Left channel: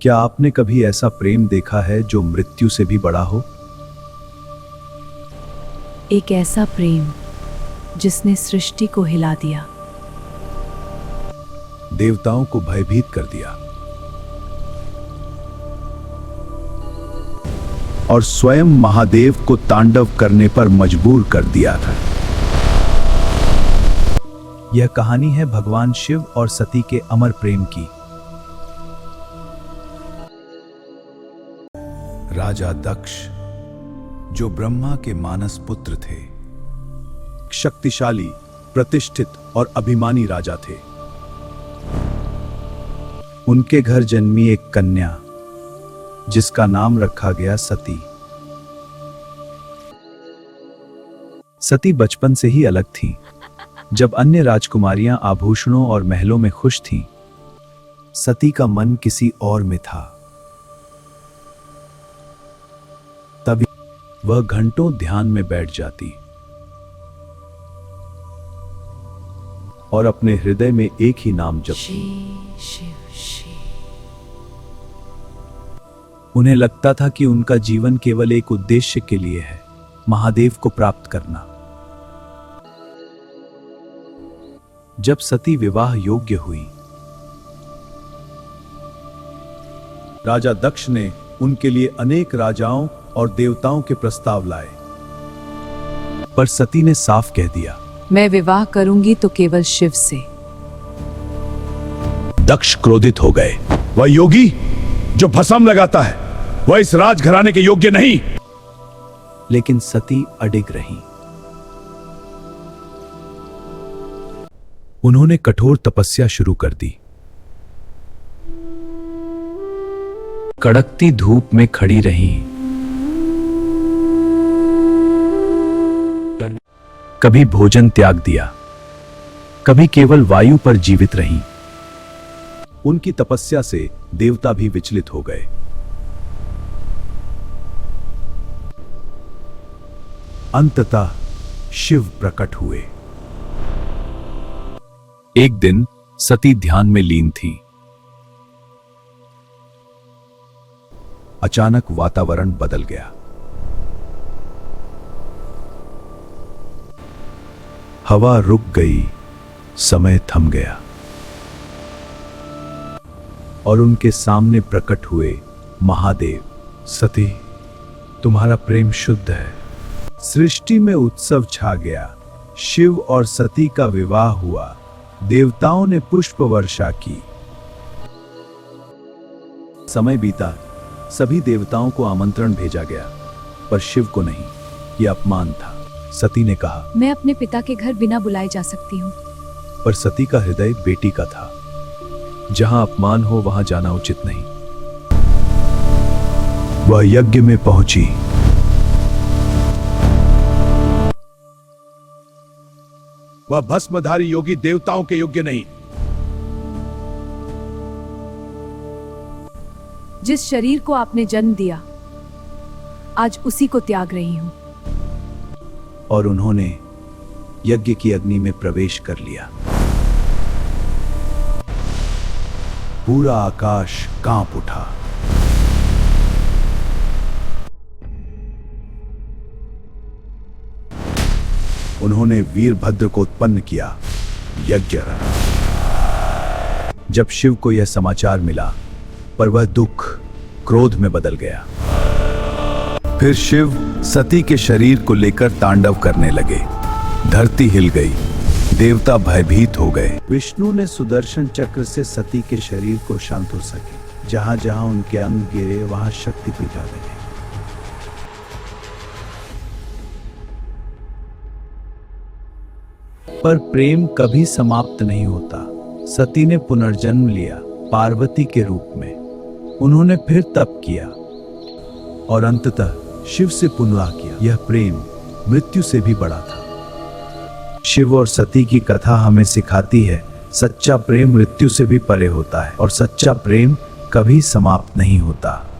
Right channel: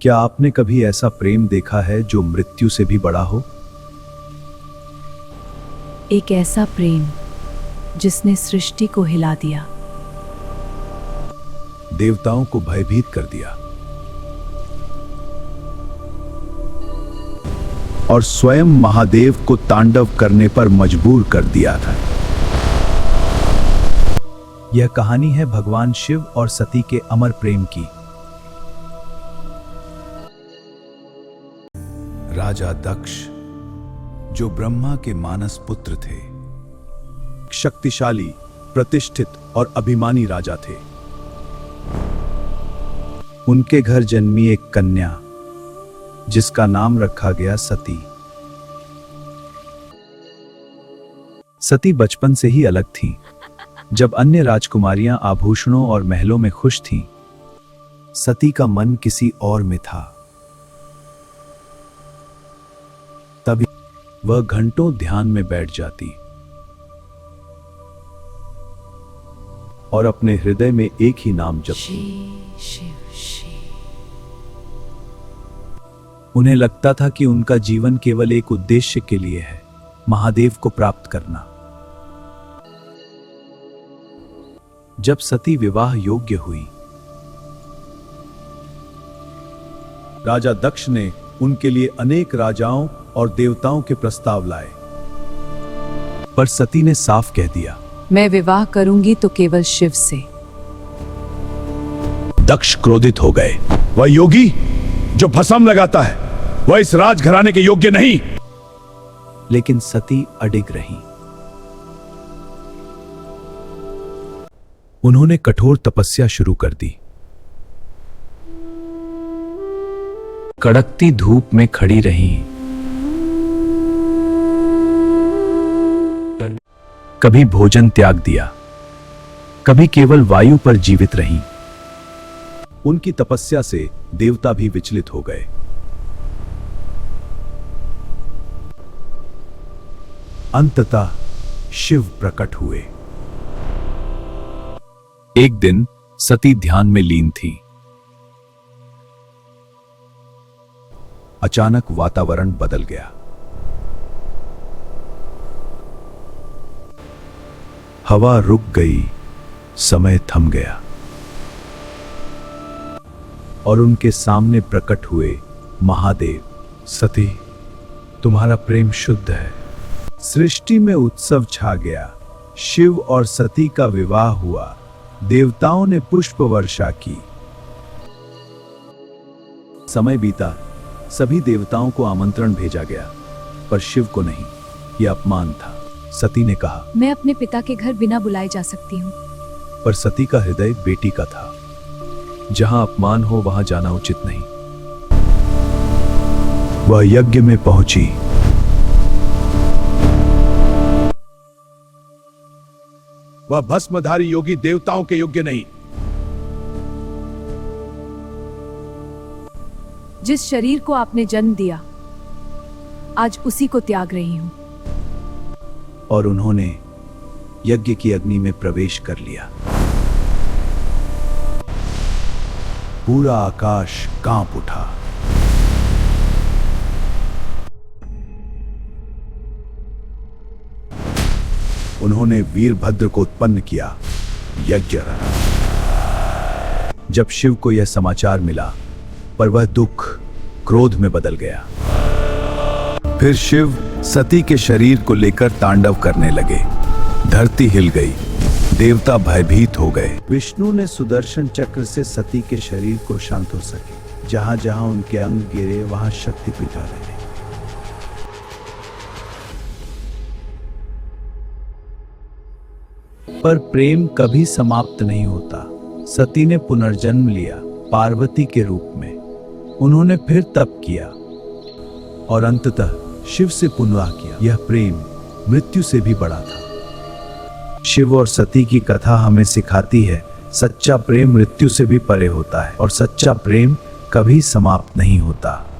क्या आपने कभी ऐसा प्रेम देखा है जो मृत्यु से भी बड़ा हो? एक ऐसा प्रेम जिसने सृष्टि को हिला दिया, देवताओं को भयभीत कर दिया और स्वयं महादेव को तांडव करने पर मजबूर कर दिया था। यह कहानी है भगवान शिव और सती के अमर प्रेम की। राजा दक्ष, जो ब्रह्मा के मानस पुत्र थे, शक्तिशाली, प्रतिष्ठित और अभिमानी राजा थे। उनके घर जन्मी एक कन्या जिसका नाम रखा गया सती। सती बचपन से ही अलग थी। जब अन्य राजकुमारियां आभूषणों और महलों में खुश थीं, सती का मन किसी और में था। तभी वह घंटों ध्यान में बैठ जाती और अपने हृदय में एक ही नाम जपती। उन्हें लगता था कि उनका जीवन केवल एक उद्देश्य के लिए है, महादेव को प्राप्त करना। जब सती विवाह योग्य हुई, राजा दक्ष ने उनके लिए अनेक राजाओं और देवताओं के प्रस्ताव लाए, पर सती ने साफ कह दिया, मैं विवाह करूंगी तो केवल शिव से। दक्ष क्रोधित हो गए। वह योगी जो भस्म लगाता है, वह इस राजघराने के योग्य नहीं। लेकिन सती अडिग रही। उन्होंने कठोर तपस्या शुरू कर दी। कड़कती धूप में खड़ी रही, कभी भोजन त्याग दिया, कभी केवल वायु पर जीवित रही। उनकी तपस्या से देवता भी विचलित हो गए। अंततः शिव प्रकट हुए। एक दिन सती ध्यान में लीन थी। अचानक वातावरण बदल गया। हवा रुक गई, समय थम गया और उनके सामने प्रकट हुए महादेव। सती, तुम्हारा प्रेम शुद्ध है। सृष्टि में उत्सव छा गया। शिव और सती का विवाह हुआ। देवताओं ने पुष्प वर्षा की। समय बीता, सभी देवताओं को आमंत्रण भेजा गया, पर शिव को नहीं। यह अपमान था। सती ने कहा, मैं अपने पिता के घर बिना बुलाए जा सकती हूँ। पर सती का हृदय बेटी का था। जहां अपमान हो वहां जाना उचित नहीं। वह यज्ञ में पहुंची। वह भस्मधारी योगी देवताओं के योग्य नहीं। जिस शरीर को आपने जन्म दिया, आज उसी को त्याग रही हूं। और उन्होंने यज्ञ की अग्नि में प्रवेश कर लिया। पूरा आकाश कांप उठा। उन्होंने वीरभद्र को उत्पन्न किया। यज्ञ। जब शिव को यह समाचार मिला, पर वह दुख क्रोध में बदल गया। फिर शिव सती के शरीर को लेकर तांडव करने लगे। धरती हिल गई। देवता भयभीत हो गए। विष्णु ने सुदर्शन चक्र से सती के शरीर को शांत हो सके। जहां जहां उनके अंग गिरे, वहां शक्ति पैदा रहे। पर प्रेम कभी समाप्त नहीं होता। सती ने पुनर्जन्म लिया, पार्वती के रूप में। उन्होंने फिर तप किया और अंततः शिव से पुनः किया। यह प्रेम मृत्यु से भी बड़ा था। शिव और सती की कथा हमें सिखाती है, सच्चा प्रेम मृत्यु से भी परे होता है और सच्चा प्रेम कभी समाप्त नहीं होता।